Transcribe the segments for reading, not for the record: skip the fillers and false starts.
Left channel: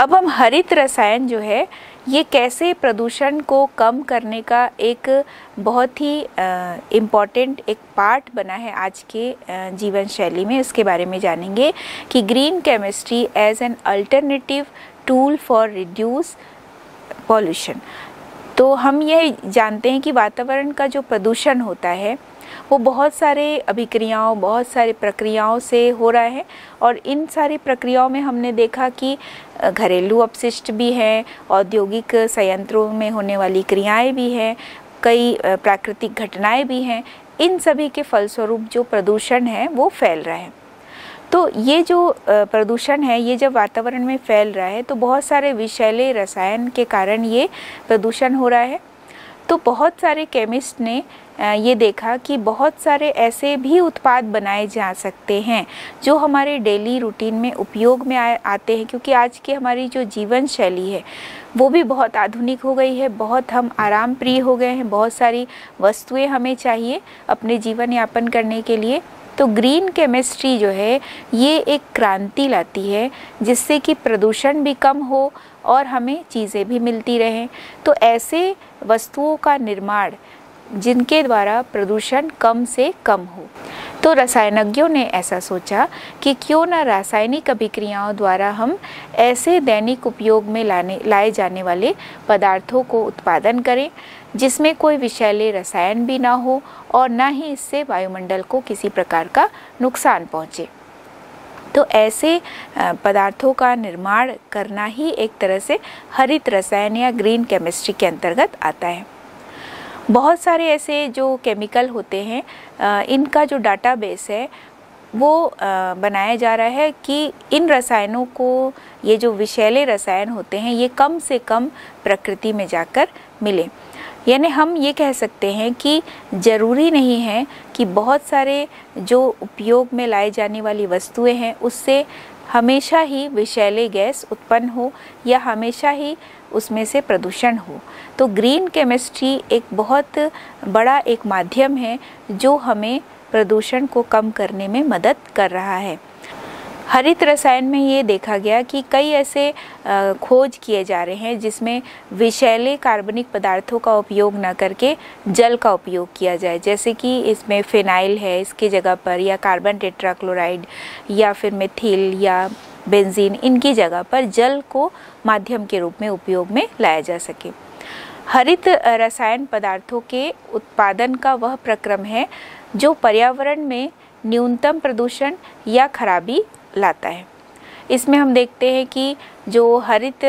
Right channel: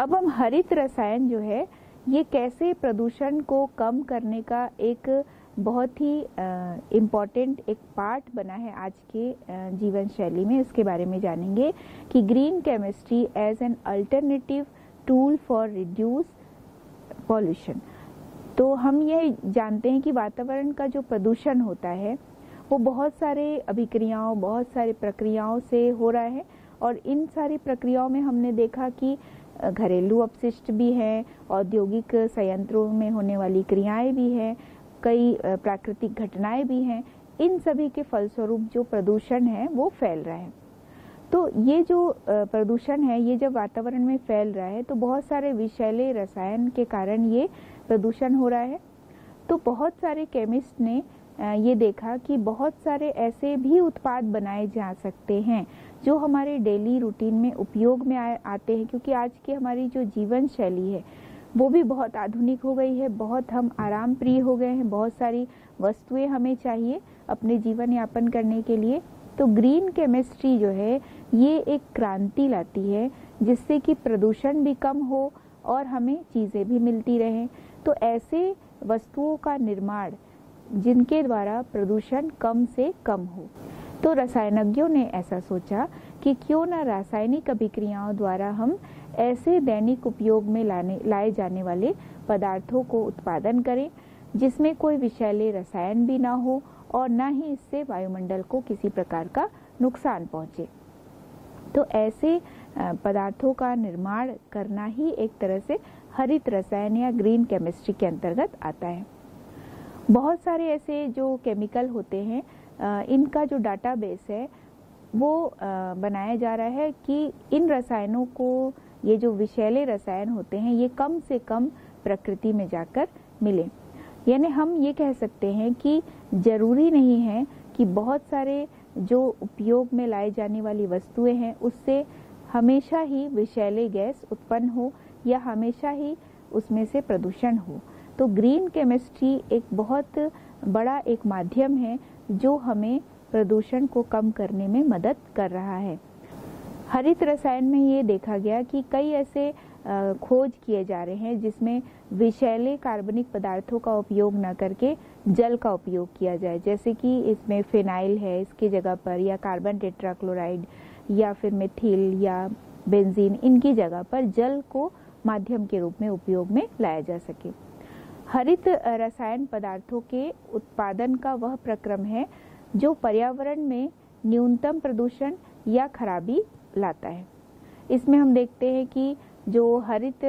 अब हम हरित रसायन जो है ये कैसे प्रदूषण को कम करने का एक बहुत ही इम्पॉर्टेंट एक पार्ट बना है आज के जीवन शैली में, इसके बारे में जानेंगे कि green chemistry as an alternative tool for reduce pollution. तो हम ये जानते हैं कि वातावरण का जो प्रदूषण होता है वो बहुत सारे अभिक्रियाओं, बहुत सारे प्रक्रियाओं से हो रहा है, और इन सारी प्रक्रियाओं में हमने देखा कि घरेलू अपशिष्ट भी हैं, औद्योगिक संयंत्रों में होने वाली क्रियाएं भी हैं, कई प्राकृतिक घटनाएं भी हैं। इन सभी के फलस्वरूप जो प्रदूषण है वो फैल रहा है। तो ये जो प्रदूषण है ये जब वातावरण में फैल रहा है तो बहुत सारे विषैले रसायन के कारण ये प्रदूषण हो रहा है। तो बहुत सारे केमिस्ट ने ये देखा कि बहुत सारे ऐसे भी उत्पाद बनाए जा सकते हैं जो हमारे डेली रूटीन में उपयोग में आते हैं, क्योंकि आज की हमारी जो जीवन शैली है वो भी बहुत आधुनिक हो गई है, बहुत हम आराम प्रिय हो गए हैं, बहुत सारी वस्तुएं हमें चाहिए अपने जीवन यापन करने के लिए। तो ग्रीन केमिस्ट्री जो है ये एक क्रांति लाती है जिससे कि प्रदूषण भी कम हो और हमें चीज़ें भी मिलती रहें। तो ऐसे वस्तुओं का निर्माण जिनके द्वारा प्रदूषण कम से कम हो। तो रसायनज्ञों ने ऐसा सोचा कि क्यों न रासायनिक अभिक्रियाओं द्वारा हम ऐसे दैनिक उपयोग में लाए जाने वाले पदार्थों को उत्पादन करें जिसमें कोई विषैले रसायन भी ना हो और ना ही इससे वायुमंडल को किसी प्रकार का नुकसान पहुँचे। तो ऐसे पदार्थों का निर्माण करना ही एक तरह से हरित रसायन या ग्रीन केमिस्ट्री के अंतर्गत आता है। बहुत सारे ऐसे जो केमिकल होते हैं इनका जो डाटाबेस है वो बनाया जा रहा है कि इन रसायनों को, ये जो विषैले रसायन होते हैं ये कम से कम प्रकृति में जाकर मिले। यानी हम ये कह सकते हैं कि ज़रूरी नहीं है कि बहुत सारे जो उपयोग में लाई जाने वाली वस्तुएं हैं उससे हमेशा ही विषैले गैस उत्पन्न हो या हमेशा ही उसमें से प्रदूषण हो। तो ग्रीन केमिस्ट्री एक बहुत बड़ा एक माध्यम है जो हमें प्रदूषण को कम करने में मदद कर रहा है। हरित रसायन में ये देखा गया कि कई ऐसे खोज किए जा रहे हैं जिसमें विषैले कार्बनिक पदार्थों का उपयोग न करके जल का उपयोग किया जाए, जैसे कि इसमें फिनाइल है इसकी जगह पर, या कार्बन टेट्राक्लोराइड, या फिर मिथिल या बेंजीन, इनकी जगह पर जल को माध्यम के रूप में उपयोग में लाया जा सके। हरित रसायन पदार्थों के उत्पादन का वह प्रक्रम है जो पर्यावरण में न्यूनतम प्रदूषण या खराबी लाता है। इसमें हम देखते हैं कि जो हरित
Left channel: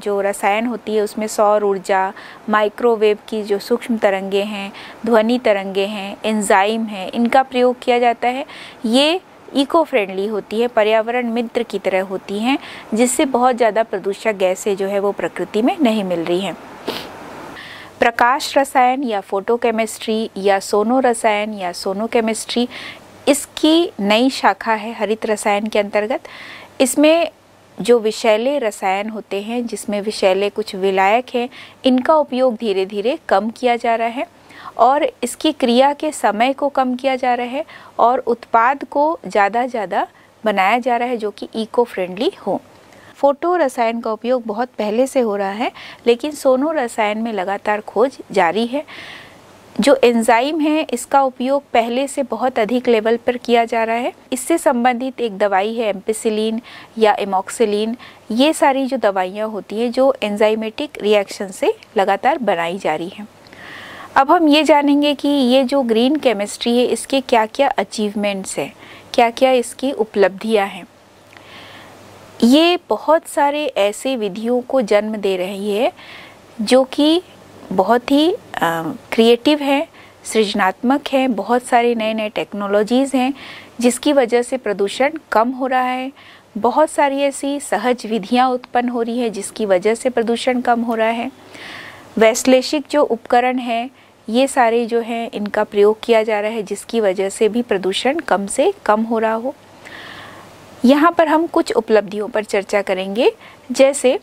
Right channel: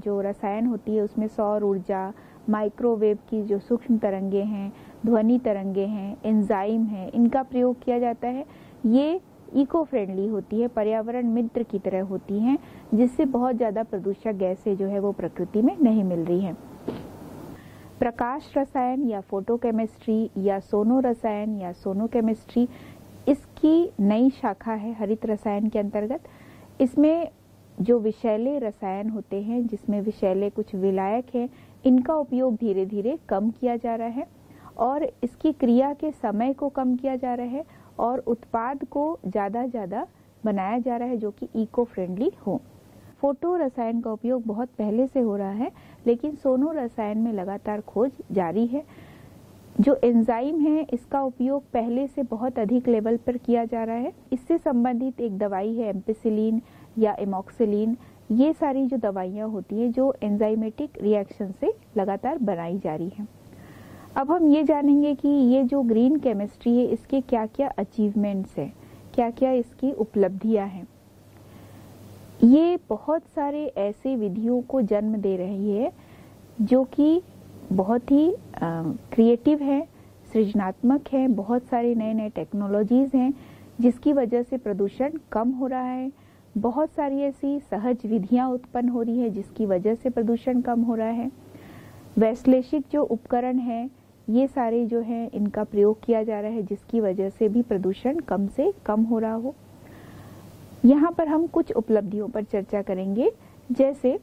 जो रसायन होती है उसमें सौर ऊर्जा, माइक्रोवेव की जो सूक्ष्म तरंगे हैं, ध्वनि तरंगे हैं, एंजाइम हैं, इनका प्रयोग किया जाता है। ये इको फ्रेंडली होती है, पर्यावरण मित्र की तरह होती हैं, जिससे बहुत ज़्यादा प्रदूषक गैसें जो है वो प्रकृति में नहीं मिल रही हैं। प्रकाश रसायन या फोटोकेमिस्ट्री या सोनो रसायन या सोनो केमिस्ट्री इसकी नई शाखा है हरित रसायन के अंतर्गत। इसमें जो विषैले रसायन होते हैं जिसमें विषैले कुछ विलायक हैं, इनका उपयोग धीरे धीरे कम किया जा रहा है और इसकी क्रिया के समय को कम किया जा रहा है और उत्पाद को ज़्यादा बनाया जा रहा है जो कि इको फ्रेंडली हो। फोटो रसायन का उपयोग बहुत पहले से हो रहा है, लेकिन सोनो रसायन में लगातार खोज जारी है। जो एंजाइम है इसका उपयोग पहले से बहुत अधिक लेवल पर किया जा रहा है। इससे संबंधित एक दवाई है एम्पिसिलिन या एमॉक्सिलिन। ये सारी जो दवाइयाँ होती हैं जो एंजाइमेटिक रिएक्शन से लगातार बनाई जा रही हैं। अब हम ये जानेंगे कि ये जो ग्रीन केमिस्ट्री है इसके क्या क्या अचीवमेंट्स हैं, क्या क्या इसकी उपलब्धियाँ हैं। ये बहुत सारे ऐसे विधियों को जन्म दे रही है जो कि बहुत ही क्रिएटिव है, सृजनात्मक है। बहुत सारी नए नए टेक्नोलॉजीज़ हैं जिसकी वजह से प्रदूषण कम हो रहा है। बहुत सारी ऐसी सहज विधियां उत्पन्न हो रही है जिसकी वजह से प्रदूषण कम हो रहा है। वैश्लेषिक जो उपकरण हैं ये सारे जो हैं इनका प्रयोग किया जा रहा है जिसकी वजह से भी प्रदूषण कम से कम हो रहा हो। यहाँ पर हम कुछ उपलब्धियों पर चर्चा करेंगे, जैसे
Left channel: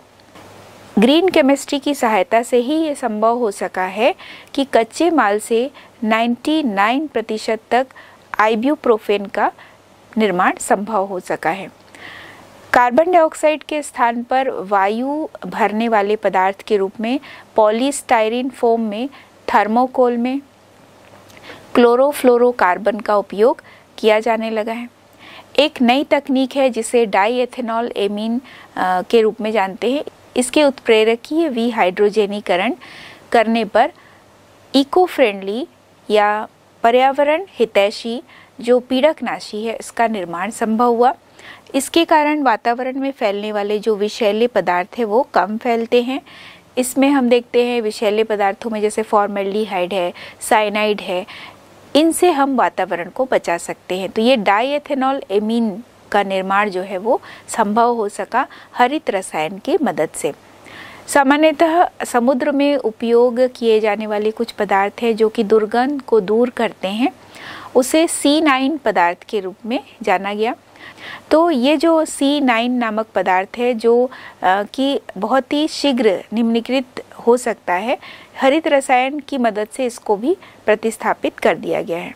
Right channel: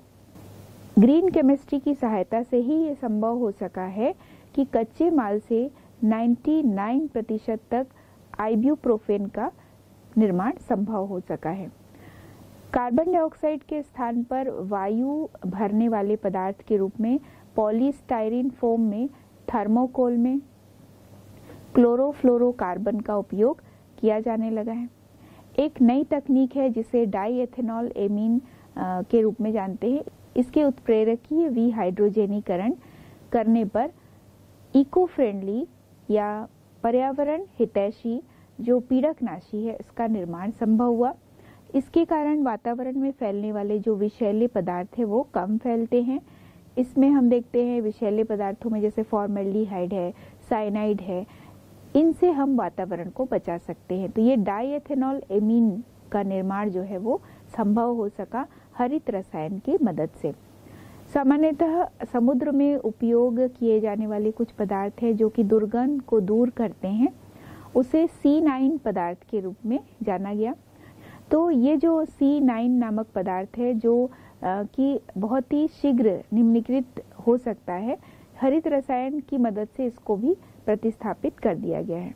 ग्रीन केमिस्ट्री की सहायता से ही ये संभव हो सका है कि कच्चे माल से 99% तक आइब्यूप्रोफेन का निर्माण संभव हो सका है। कार्बन डाइऑक्साइड के स्थान पर वायु भरने वाले पदार्थ के रूप में पॉलीस्टायरीन फोम में, थर्मोकोल में क्लोरोफ्लोरोकार्बन का उपयोग किया जाने लगा है। एक नई तकनीक है जिसे डाई एथेनॉल एमीन के रूप में जानते हैं। इसके उत्प्रेरकीय विहाइड्रोजनीकरण करने पर इको फ्रेंडली या पर्यावरण हितैषी जो पीड़कनाशी है इसका निर्माण संभव हुआ। इसके कारण वातावरण में फैलने वाले जो विषैले पदार्थ है वो कम फैलते हैं। इसमें हम देखते हैं विषैले पदार्थों में जैसे फॉर्मेल्डिहाइड है, साइनाइड है, इनसे हम वातावरण को बचा सकते हैं। तो ये डाई एथेनॉल एमीन का निर्माण जो है वो संभव हो सका हरित रसायन की मदद से। सामान्यतः समुद्र में उपयोग किए जाने वाले कुछ पदार्थ हैं जो कि दुर्गंध को दूर करते हैं, उसे C9 पदार्थ के रूप में जाना गया। तो ये जो C9 नामक पदार्थ है जो कि बहुत ही शीघ्र निम्नीकृत हो सकता है, हरित रसायन की मदद से इसको भी प्रतिस्थापित कर दिया गया है।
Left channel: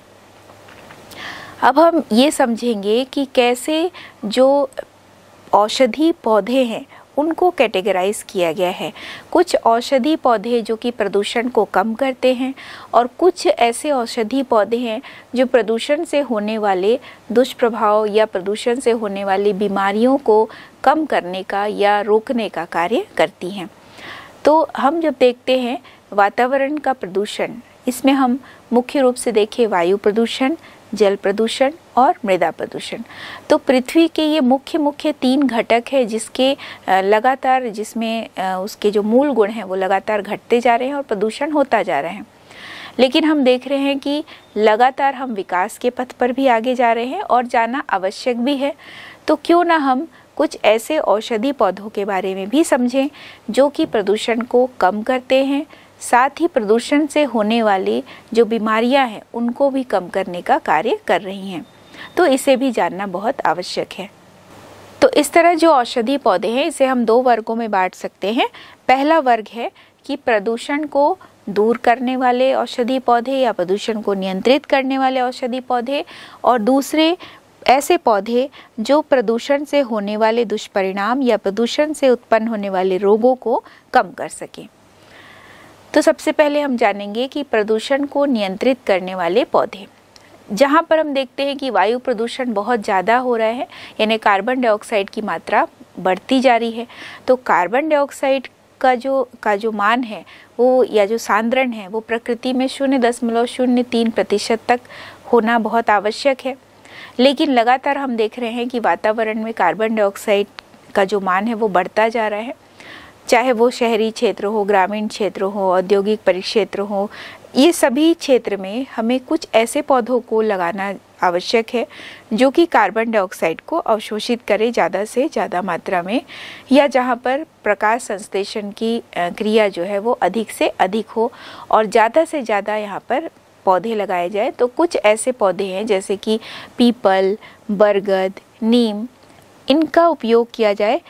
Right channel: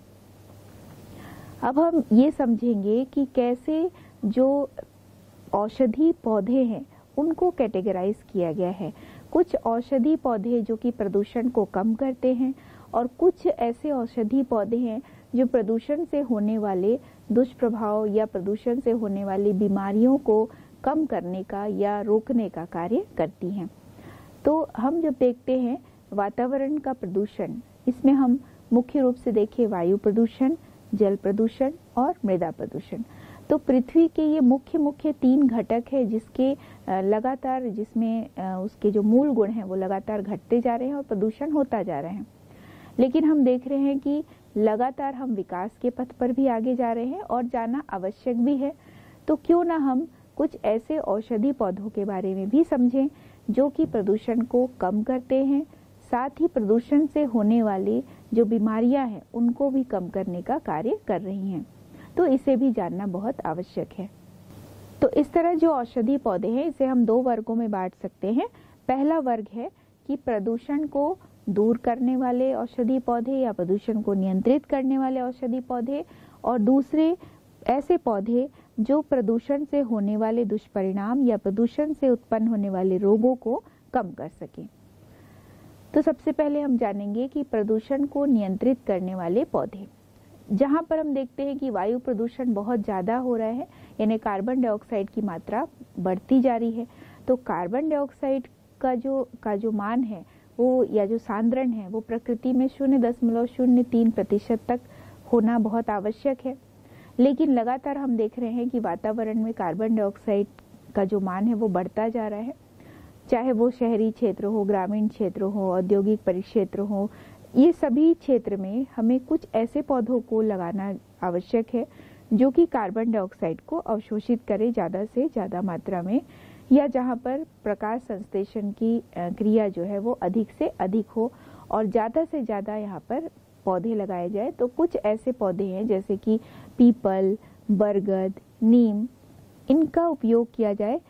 अब हम ये समझेंगे कि कैसे जो औषधि पौधे हैं उनको कैटेगराइज किया गया है। कुछ औषधि पौधे जो कि प्रदूषण को कम करते हैं और कुछ ऐसे औषधि पौधे हैं जो प्रदूषण से होने वाले दुष्प्रभाव या प्रदूषण से होने वाली बीमारियों को कम करने का या रोकने का कार्य करती हैं। तो हम जब देखते हैं वातावरण का प्रदूषण, इसमें हम मुख्य रूप से देखें वायु प्रदूषण, जल प्रदूषण और मृदा प्रदूषण। तो पृथ्वी के ये मुख्य 3 घटक है जिसके लगातार जिसमें उसके जो मूल गुण हैं वो लगातार घटते जा रहे हैं और प्रदूषण होता जा रहा है। लेकिन हम देख रहे हैं कि लगातार हम विकास के पथ पर भी आगे जा रहे हैं और जाना आवश्यक भी है। तो क्यों ना हम कुछ ऐसे औषधि पौधों के बारे में भी समझें जो कि प्रदूषण को कम करते हैं, साथ ही प्रदूषण से होने वाली जो बीमारियां हैं उनको भी कम करने का कार्य कर रही हैं। तो इसे भी जानना बहुत आवश्यक है। तो इस तरह जो औषधि पौधे हैं इसे हम 2 वर्गों में बांट सकते हैं। पहला वर्ग है कि प्रदूषण को दूर करने वाले औषधि पौधे या प्रदूषण को नियंत्रित करने वाले औषधि पौधे, और दूसरे ऐसे पौधे जो प्रदूषण से होने वाले दुष्परिणाम या प्रदूषण से उत्पन्न होने वाले रोगों को कम कर सकें। तो सबसे पहले हम जानेंगे कि प्रदूषण को नियंत्रित करने वाले पौधे। जहाँ पर हम देखते हैं कि वायु प्रदूषण बहुत ज़्यादा हो रहा है, यानी कार्बन डाइऑक्साइड की मात्रा बढ़ती जा रही है, तो कार्बन डाइऑक्साइड का जो मान है वो या जो सांद्रण है वो प्रकृति में 0.03% तक होना बहुत आवश्यक है। लेकिन लगातार हम देख रहे हैं कि वातावरण में कार्बन डाइऑक्साइड का जो मान है वो बढ़ता जा रहा है, चाहे वो शहरी क्षेत्र हो, ग्रामीण क्षेत्र हो, औद्योगिक परिक्षेत्र हो, ये सभी क्षेत्र में हमें कुछ ऐसे पौधों को लगाना आवश्यक है जो कि कार्बन डाइऑक्साइड को अवशोषित करे ज़्यादा से ज़्यादा मात्रा में, या जहाँ पर प्रकाश संश्लेषण की क्रिया जो है वो अधिक से अधिक हो और ज़्यादा से ज़्यादा यहाँ पर पौधे लगाए जाए। तो कुछ ऐसे पौधे हैं जैसे कि पीपल, बरगद, नीम, इनका उपयोग किया जाए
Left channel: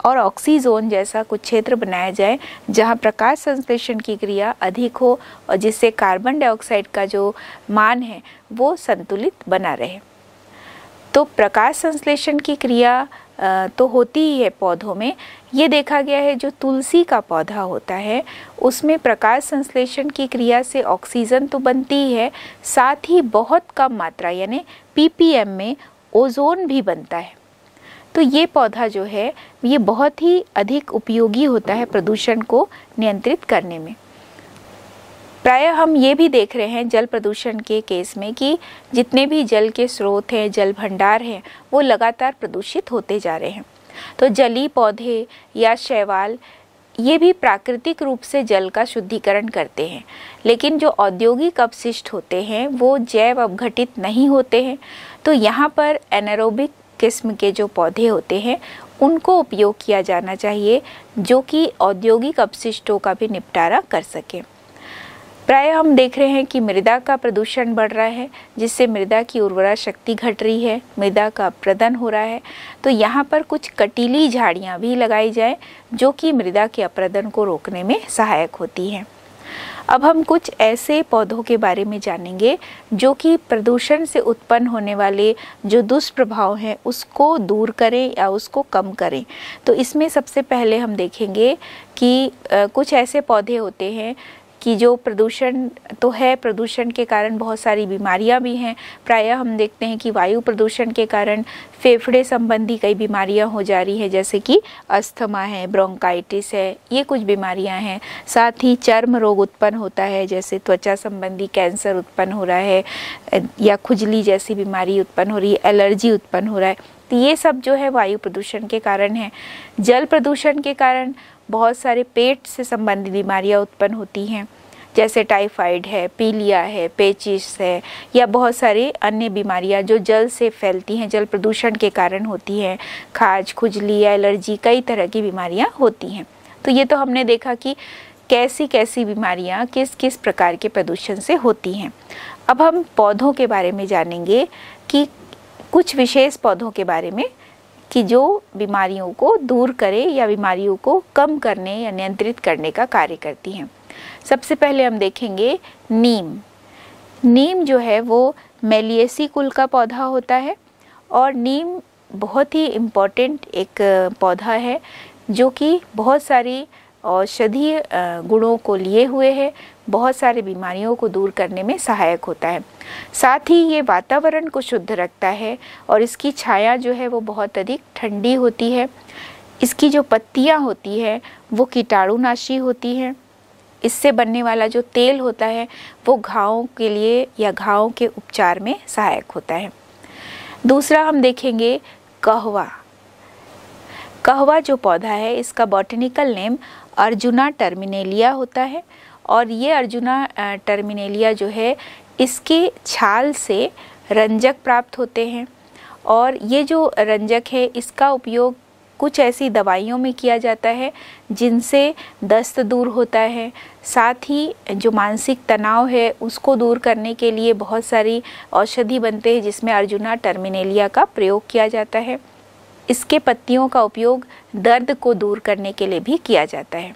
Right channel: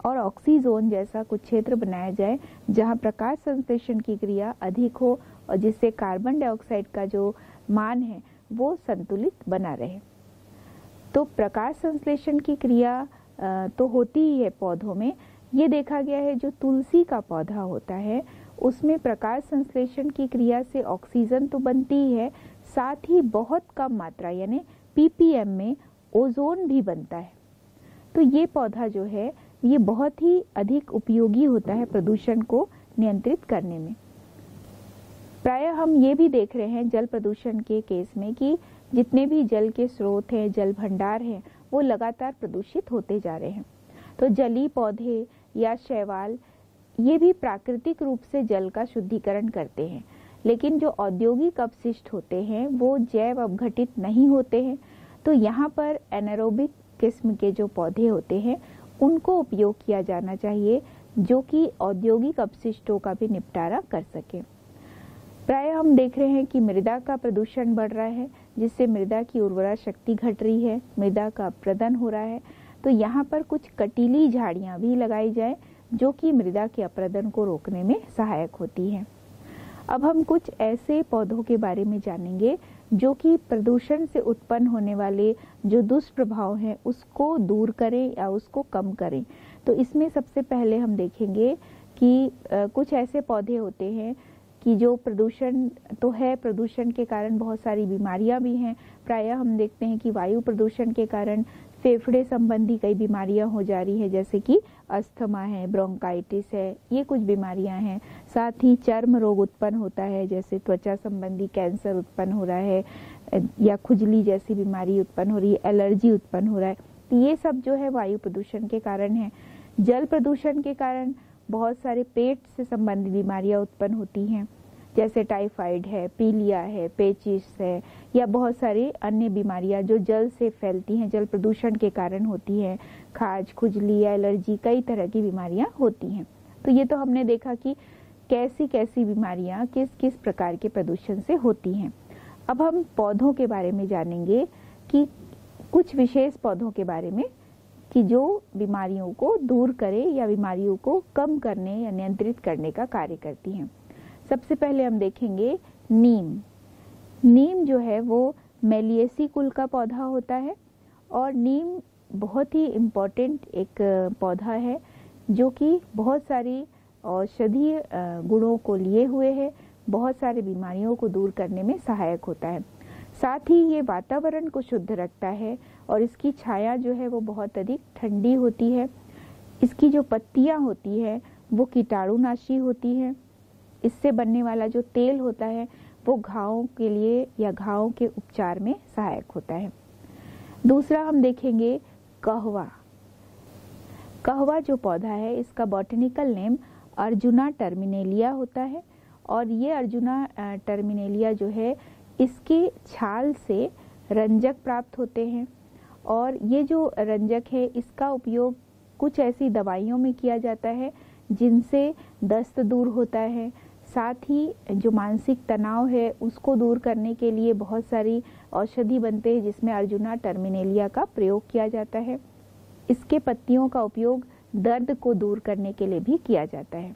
और ऑक्सीजोन जैसा कुछ क्षेत्र बनाया जाए जहां प्रकाश संश्लेषण की क्रिया अधिक हो और जिससे कार्बन डाइऑक्साइड का जो मान है वो संतुलित बना रहे। तो प्रकाश संश्लेषण की क्रिया तो होती ही है पौधों में। ये देखा गया है जो तुलसी का पौधा होता है उसमें प्रकाश संश्लेषण की क्रिया से ऑक्सीजन तो बनती ही है, साथ ही बहुत कम मात्रा यानी ppm में ओजोन भी बनता है। तो ये पौधा जो है ये बहुत ही अधिक उपयोगी होता है प्रदूषण को नियंत्रित करने में। प्रायः हम ये भी देख रहे हैं जल प्रदूषण के केस में कि जितने भी जल के स्रोत हैं, जल भंडार हैं, वो लगातार प्रदूषित होते जा रहे हैं। तो जलीय पौधे या शैवाल ये भी प्राकृतिक रूप से जल का शुद्धिकरण करते हैं, लेकिन जो औद्योगिक अपशिष्ट होते हैं वो जैव अपघटित नहीं होते हैं। तो यहाँ पर एनारोबिक किस्म के जो पौधे होते हैं उनको उपयोग किया जाना चाहिए जो कि औद्योगिक अपशिष्टों का भी निपटारा कर सके। प्राय हम देख रहे हैं कि मृदा का प्रदूषण बढ़ रहा है जिससे मृदा की उर्वरा शक्ति घट रही है, मृदा का अपरदन हो रहा है। तो यहाँ पर कुछ कटीली झाड़ियाँ भी लगाई जाए जो कि मृदा के अपरदन को रोकने में सहायक होती हैं। अब हम कुछ ऐसे पौधों के बारे में जानेंगे जो कि प्रदूषण से उत्पन्न होने वाले जो दुष्प्रभाव हैं उसको दूर करें या उसको कम करें। तो इसमें सबसे पहले हम देखेंगे कि कुछ ऐसे पौधे होते हैं कि जो प्रदूषण तो है, प्रदूषण के कारण बहुत सारी बीमारियां भी हैं। प्रायः हम देखते हैं कि वायु प्रदूषण के कारण फेफड़े संबंधी कई बीमारियां हो जा रही हैं, जैसे कि अस्थमा है, ब्रोंकाइटिस है, ये कुछ बीमारियां हैं। साथ ही चर्म रोग उत्पन्न होता है, जैसे त्वचा संबंधी कैंसर उत्पन्न हो रहा है या खुजली जैसी बीमारी उत्पन्न हो रही है, एलर्जी उत्पन्न हो रहा है। तो ये सब जो है वायु प्रदूषण के कारण है। जल प्रदूषण के कारण बहुत सारे पेट से संबंधित बीमारियां उत्पन्न होती हैं, जैसे टाइफाइड है, पीलिया है, पेचिस है या बहुत सारी अन्य बीमारियां जो जल से फैलती हैं, जल प्रदूषण के कारण होती हैं। खाज, खुजली या एलर्जी, कई तरह की बीमारियां होती हैं। तो ये तो हमने देखा कि कैसी कैसी बीमारियां किस किस प्रकार के प्रदूषण से होती हैं। अब हम पौधों के बारे में जानेंगे कि कुछ विशेष पौधों के बारे में कि जो बीमारियों को दूर करे या बीमारियों को कम करने या नियंत्रित करने का कार्य करती हैं। सबसे पहले हम देखेंगे नीम। नीम जो है वो मेलिएसी कुल का पौधा होता है और नीम बहुत ही इम्पोर्टेंट एक पौधा है जो कि बहुत सारी औषधीय गुणों को लिए हुए है, बहुत सारी बीमारियों को दूर करने में सहायक होता है। साथ ही ये वातावरण को शुद्ध रखता है और इसकी छाया जो है वो बहुत अधिक ठंडी होती है। इसकी जो पत्तियां होती है वो कीटाणुनाशी होती हैं। इससे बनने वाला जो तेल होता है वो घावों के लिए या घावों के उपचार में सहायक होता है। दूसरा हम देखेंगे कहवा। कहवा जो पौधा है इसका बॉटनिकल नेम अर्जुना टर्मिनेलिया होता है और ये अर्जुना टर्मिनेलिया जो है इसके छाल से रंजक प्राप्त होते हैं और ये जो रंजक है इसका उपयोग कुछ ऐसी दवाइयों में किया जाता है जिनसे दस्त दूर होता है। साथ ही जो मानसिक तनाव है उसको दूर करने के लिए बहुत सारी औषधि बनते हैं जिसमें अर्जुना टर्मिनेलिया का प्रयोग किया जाता है। इसके पत्तियों का उपयोग दर्द को दूर करने के लिए भी किया जाता है।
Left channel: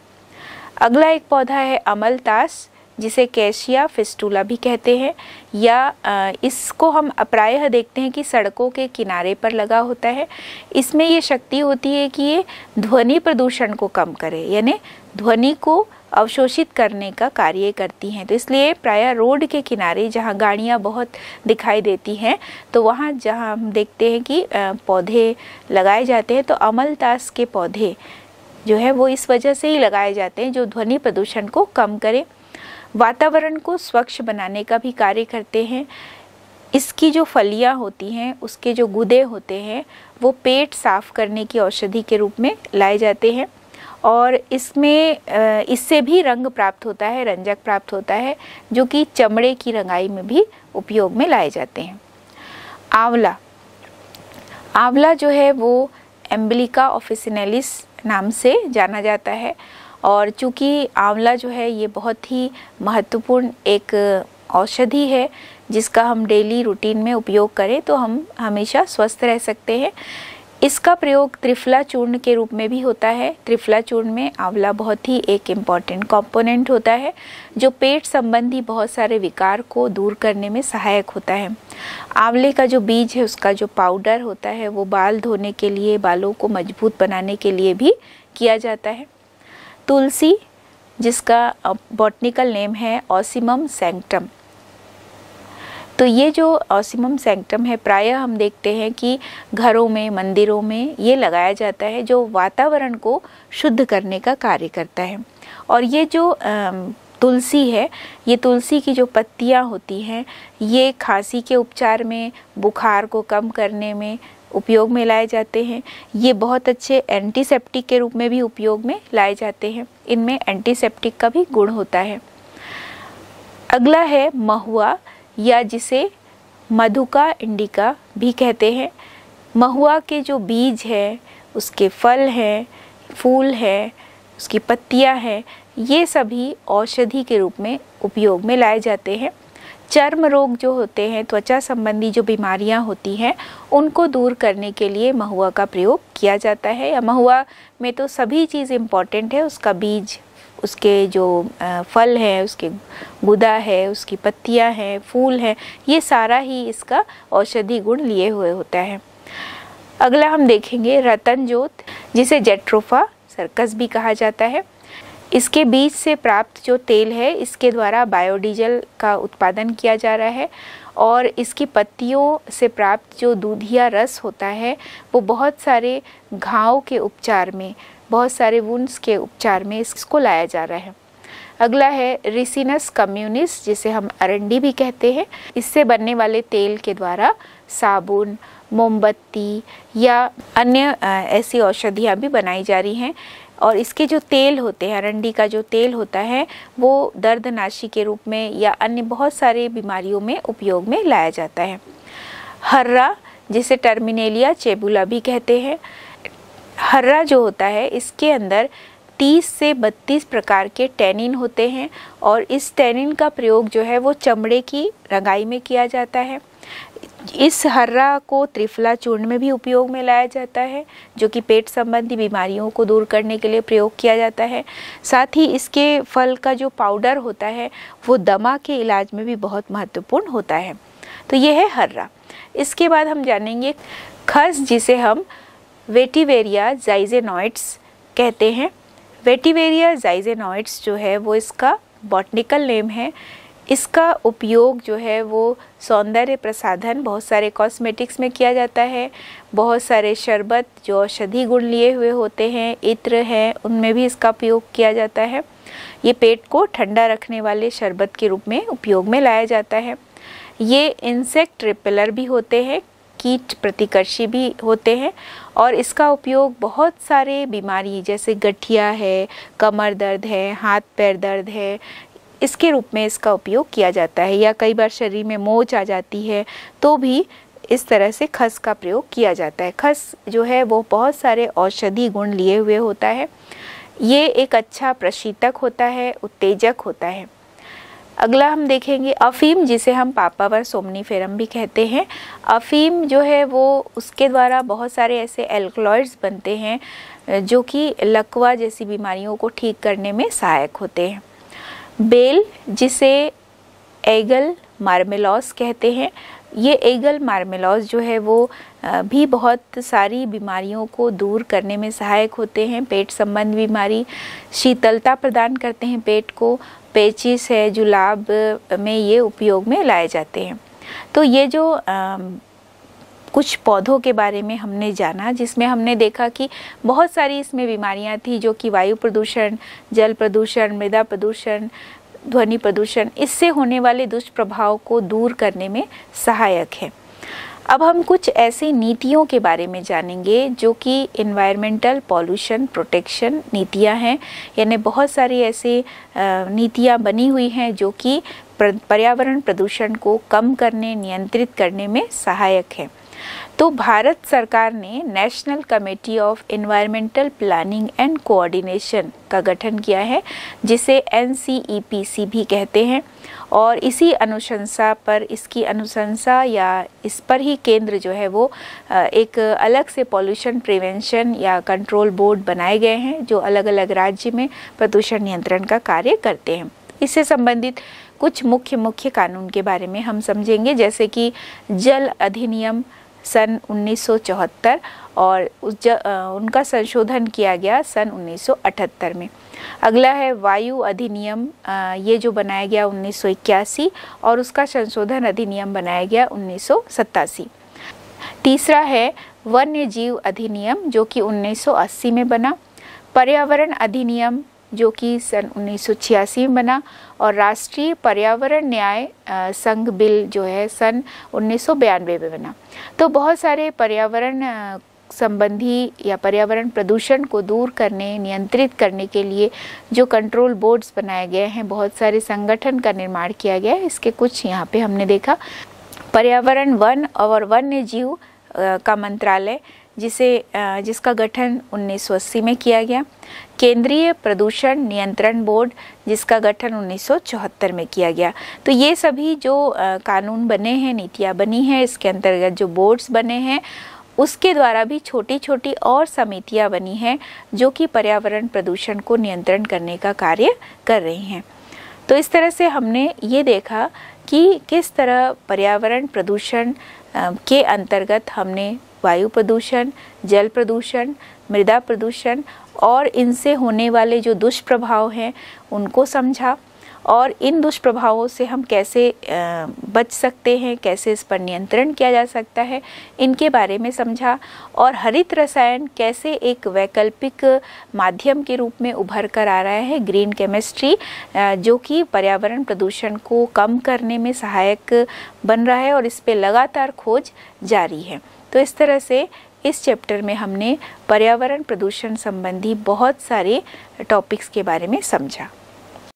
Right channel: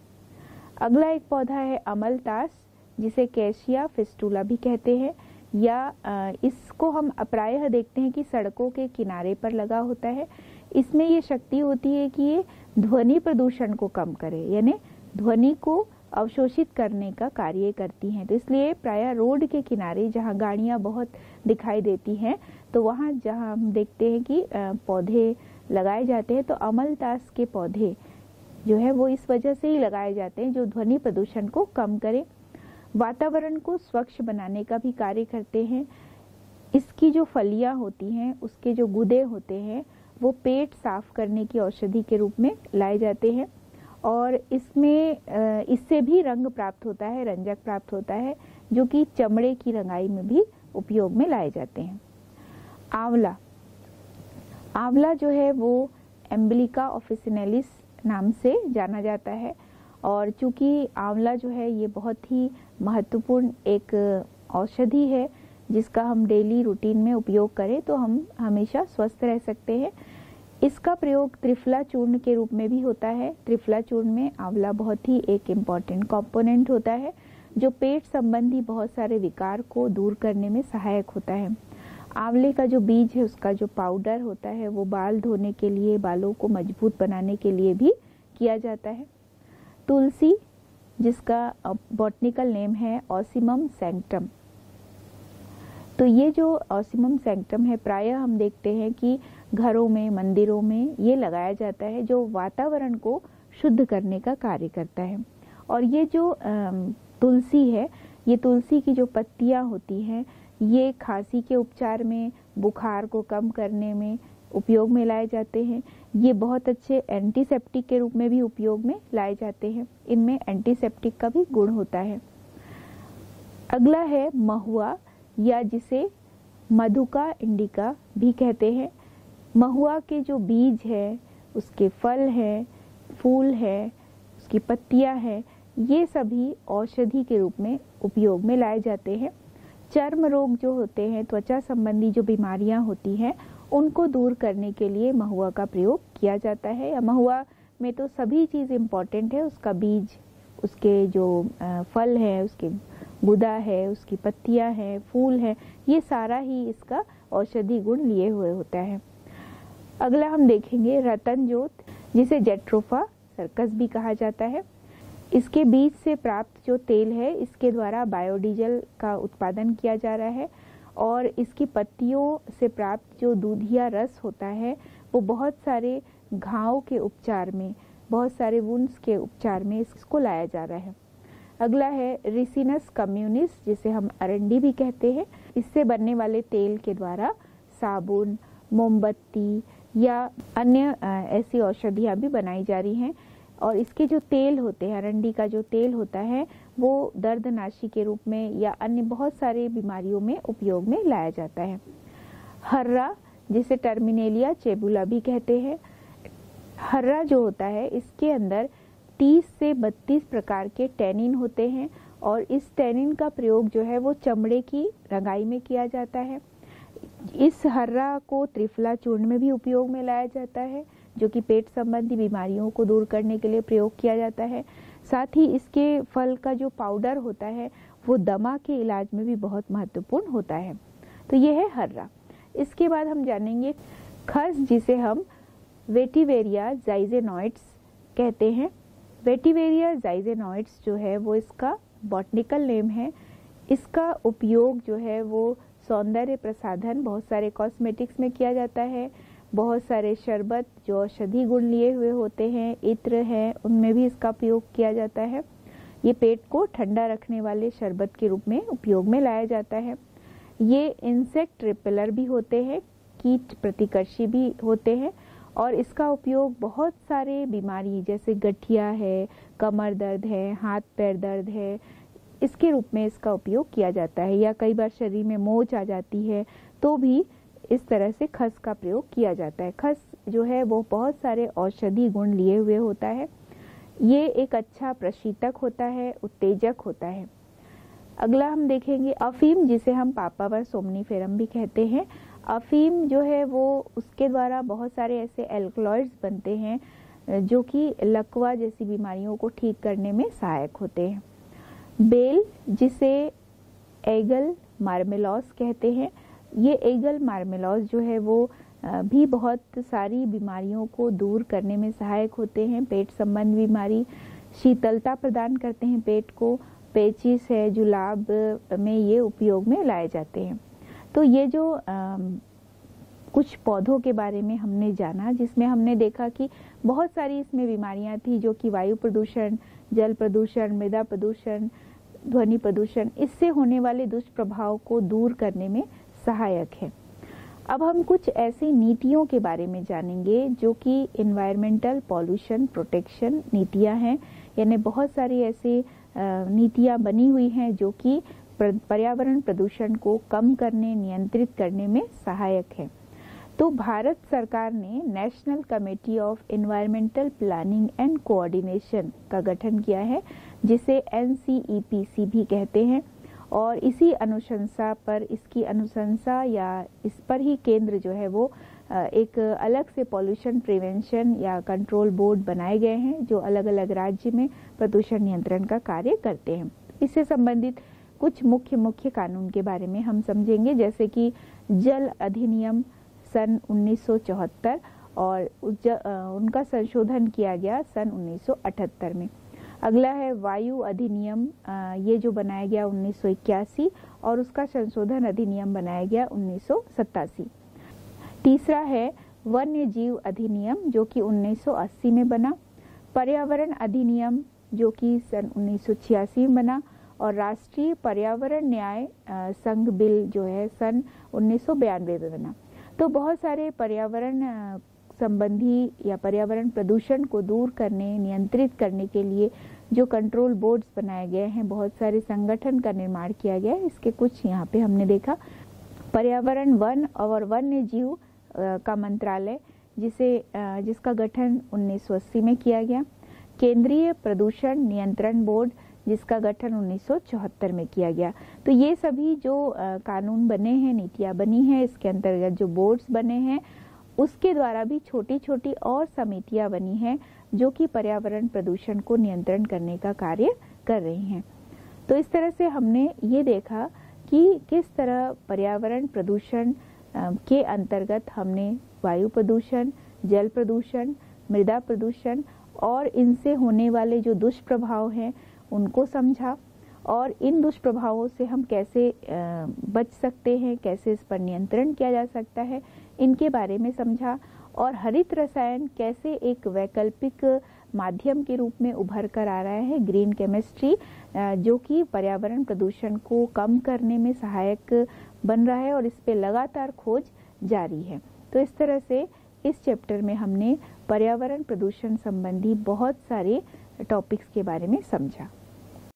अगला एक पौधा है अमलतास, जिसे कैशिया फिस्टुला भी कहते हैं या इसको हम प्रायः देखते हैं कि सड़कों के किनारे पर लगा होता है। इसमें ये शक्ति होती है कि ये ध्वनि प्रदूषण को कम करे, यानी ध्वनि को अवशोषित करने का कार्य करती हैं। तो इसलिए प्रायः रोड के किनारे जहाँ गाड़ियाँ बहुत दिखाई देती हैं तो वहाँ जहाँ हम देखते हैं कि पौधे लगाए जाते हैं तो अमलतास के पौधे जो है वो इस वजह से ही लगाए जाते हैं जो ध्वनि प्रदूषण को कम करे, वातावरण को स्वच्छ बनाने का भी कार्य करते हैं। इसकी जो फलियां होती हैं, उसके जो गुदे होते हैं वो पेट साफ करने की औषधि के रूप में लाए जाते हैं और इसमें इससे भी रंग प्राप्त होता है, रंजक प्राप्त होता है जो कि चमड़े की रंगाई में भी उपयोग में लाए जाते हैं। आंवला। आंवला जो है वो एम्बिलिका ऑफिसिनेलिस नाम से जाना जाता है और चूँकि आंवला जो है ये बहुत ही महत्वपूर्ण एक औषधि है जिसका हम डेली रूटीन में उपयोग करें तो हम हमेशा स्वस्थ रह सकते हैं। इसका प्रयोग त्रिफला चूर्ण के रूप में भी होता है। त्रिफला चूर्ण में आंवला बहुत ही एक इम्पॉर्टेंट कंपोनेंट होता है जो पेट संबंधी बहुत सारे विकार को दूर करने में सहायक होता है। आंवले का जो बीज है उसका जो पाउडर होता है वो बाल धोने के लिए, बालों को मजबूत बनाने के लिए भी किया जाता है। तुलसी, जिसका बॉटनिकल नेम है ऑसिमम सैंक्टम, तो ये जो ऑसिमम सैंक्टम है प्रायः हम देखते हैं कि घरों में, मंदिरों में ये लगाया जाता है जो वातावरण को शुद्ध करने का कार्य करता है। और ये जो तुलसी है, ये तुलसी की जो पत्तियां होती हैं ये खांसी के उपचार में, बुखार को कम करने में उपयोग में लाए जाते हैं। ये बहुत अच्छे एंटीसेप्टिक के रूप में भी उपयोग में लाए जाते हैं। इनमें एंटीसेप्टिक का भी गुण होता है। अगला है महुआ या जिसे मधुका इंडिका भी कहते हैं। महुआ के जो बीज है, उसके फल हैं, फूल है, उसकी पत्तियां हैं, ये सभी औषधि के रूप में उपयोग में लाए जाते हैं। चर्म रोग जो होते हैं, त्वचा संबंधी जो बीमारियां होती हैं उनको दूर करने के लिए महुआ का प्रयोग किया जाता है। या महुआ में तो सभी चीज़ इम्पॉर्टेंट है, उसका बीज, उसके जो फल हैं, उसके गुदा है, उसकी पत्तियां हैं, फूल हैं, ये सारा ही इसका औषधि गुण लिए हुए होता है। अगला हम देखेंगे रतन जोत, जिसे जेट्रोफा सर्कस भी कहा जाता है। इसके बीज से प्राप्त जो तेल है, इसके द्वारा बायोडीजल का उत्पादन किया जा रहा है और इसकी पत्तियों से प्राप्त जो दूधिया रस होता है वो बहुत सारे घाव के उपचार में, बहुत सारे वुंड्स के उपचार में इसको लाया जा रहा है। अगला है रिसिनस कम्युनिस, जिसे हम अरंडी भी कहते हैं। इससे बनने वाले तेल के द्वारा साबुन, मोमबत्ती या अन्य ऐसी औषधियाँ भी बनाई जा रही हैं और इसके जो तेल होते हैं, अरंडी का जो तेल होता है वो दर्दनाशी के रूप में या अन्य बहुत सारे बीमारियों में उपयोग में लाया जाता है। हर्रा, जिसे टर्मिनेलिया चेबुला भी कहते हैं, हर्रा जो होता है इसके अंदर 30 से 32 प्रकार के टैनिन होते हैं और इस टैनिन का प्रयोग जो है वो चमड़े की रंगाई में किया जाता है। इस हर्रा को त्रिफला चूर्ण में भी उपयोग में लाया जाता है, जो कि पेट संबंधी बीमारियों को दूर करने के लिए प्रयोग किया जाता है। साथ ही इसके फल का जो पाउडर होता है वो दमा के इलाज में भी बहुत महत्वपूर्ण होता है। तो ये है हर्रा। इसके बाद हम जानेंगे खस, जिसे हम वेटिवेरिया ज़ाइज़ेनॉइड्स कहते हैं। वेटिवेरिया ज़ाइज़ेनॉइड्स जो है वो इसका बॉटनिकल नेम है। इसका उपयोग जो है वो सौंदर्य प्रसाधन, बहुत सारे कॉस्मेटिक्स में किया जाता है। बहुत सारे शरबत जो औषधि गुण लिए हुए होते हैं, इत्र हैं, उनमें भी इसका उपयोग किया जाता है। ये पेट को ठंडा रखने वाले शरबत के रूप में उपयोग में लाया जाता है। ये इंसेक्ट रिपेलर भी होते हैं, कीट प्रतिकर्षी भी होते हैं और इसका उपयोग बहुत सारे बीमारी जैसे गठिया है, कमर दर्द है, हाथ पैर दर्द है, इसके रूप में इसका उपयोग किया जाता है। या कई बार शरीर में मोच आ जाती है तो भी इस तरह से खस का प्रयोग किया जाता है। खस जो है वो बहुत सारे औषधि गुण लिए हुए होता है। ये एक अच्छा प्रशीतक होता है, उत्तेजक होता है। अगला हम देखेंगे अफीम, जिसे हम पापावर सोमनीफेरम भी कहते हैं। अफीम जो है वो उसके द्वारा बहुत सारे ऐसे एल्कलॉइड्स बनते हैं जो कि लकवा जैसी बीमारियों को ठीक करने में सहायक होते हैं। बेल, जिसे एगल मार्मेलॉस कहते हैं, ये एगल मार्मेलॉस जो है वो भी बहुत सारी बीमारियों को दूर करने में सहायक होते हैं। पेट संबंधी बीमारी, शीतलता प्रदान करते हैं पेट को। पेचिस है, जुलाब में ये उपयोग में लाए जाते हैं। तो ये जो कुछ पौधों के बारे में हमने जाना, जिसमें हमने देखा कि बहुत सारी इसमें बीमारियां थी जो कि वायु प्रदूषण, जल प्रदूषण, मृदा प्रदूषण, ध्वनि प्रदूषण, इससे होने वाले दुष्प्रभाव को दूर करने में सहायक है। अब हम कुछ ऐसी नीतियों के बारे में जानेंगे जो कि इन्वायरमेंटल पॉल्यूशन प्रोटेक्शन नीतियां हैं, यानी बहुत सारी ऐसी नीतियां बनी हुई हैं जो कि पर्यावरण प्रदूषण को कम करने, नियंत्रित करने में सहायक है। तो भारत सरकार ने national committee of environmental planning and coordination का गठन किया है, जिसे NCEPC भी कहते हैं और इसी अनुशंसा पर, इसकी अनुशंसा या इस पर ही केंद्र जो है वो एक अलग से पॉल्यूशन प्रिवेंशन या कंट्रोल बोर्ड बनाए गए हैं जो अलग अलग राज्य में प्रदूषण नियंत्रण का कार्य करते हैं। इससे संबंधित कुछ मुख्य कानून के बारे में हम समझेंगे, जैसे कि जल अधिनियम सन 1974 और उनका संशोधन किया गया सन 1978 में। अगला है वायु अधिनियम, ये जो बनाया गया 1981 और उसका संशोधन अधिनियम बनाया गया 1987। तीसरा है वन्य जीव अधिनियम जो कि 1980 में बना। पर्यावरण अधिनियम जो कि सन 1986 में बना और राष्ट्रीय पर्यावरण न्याय संघ बिल जो है सन 1992 में बना। तो बहुत सारे पर्यावरण संबंधी या पर्यावरण प्रदूषण को दूर करने, नियंत्रित करने के लिए जो कंट्रोल बोर्ड्स बनाए गए हैं, बहुत सारे संगठन का निर्माण किया गया है। इसके कुछ यहाँ पे हमने देखा। पर्यावरण, वन और वन्य जीव का मंत्रालय जिसका गठन 1980 में किया गया। केंद्रीय प्रदूषण नियंत्रण बोर्ड जिसका गठन 1974 में किया गया। तो ये सभी जो कानून बने हैं, नीतियाँ बनी हैं, इसके अंतर्गत जो बोर्ड्स बने हैं उसके द्वारा भी छोटी छोटी और समितियां बनी हैं जो कि पर्यावरण प्रदूषण को नियंत्रण करने का कार्य कर रही हैं। तो इस तरह से हमने ये देखा कि किस तरह पर्यावरण प्रदूषण के अंतर्गत हमने वायु प्रदूषण, जल प्रदूषण, मृदा प्रदूषण और इनसे होने वाले जो दुष्प्रभाव हैं उनको समझा, और इन दुष्प्रभावों से हम कैसे बच सकते हैं, कैसे इस पर नियंत्रण किया जा सकता है, इनके बारे में समझा। और हरित रसायन कैसे एक वैकल्पिक माध्यम के रूप में उभर कर आ रहा है, ग्रीन केमिस्ट्री, जो कि पर्यावरण प्रदूषण को कम करने में सहायक बन रहा है और इस पे लगातार खोज जारी है। तो इस तरह से इस चैप्टर में हमने पर्यावरण प्रदूषण संबंधी बहुत सारे टॉपिक्स के बारे में समझा।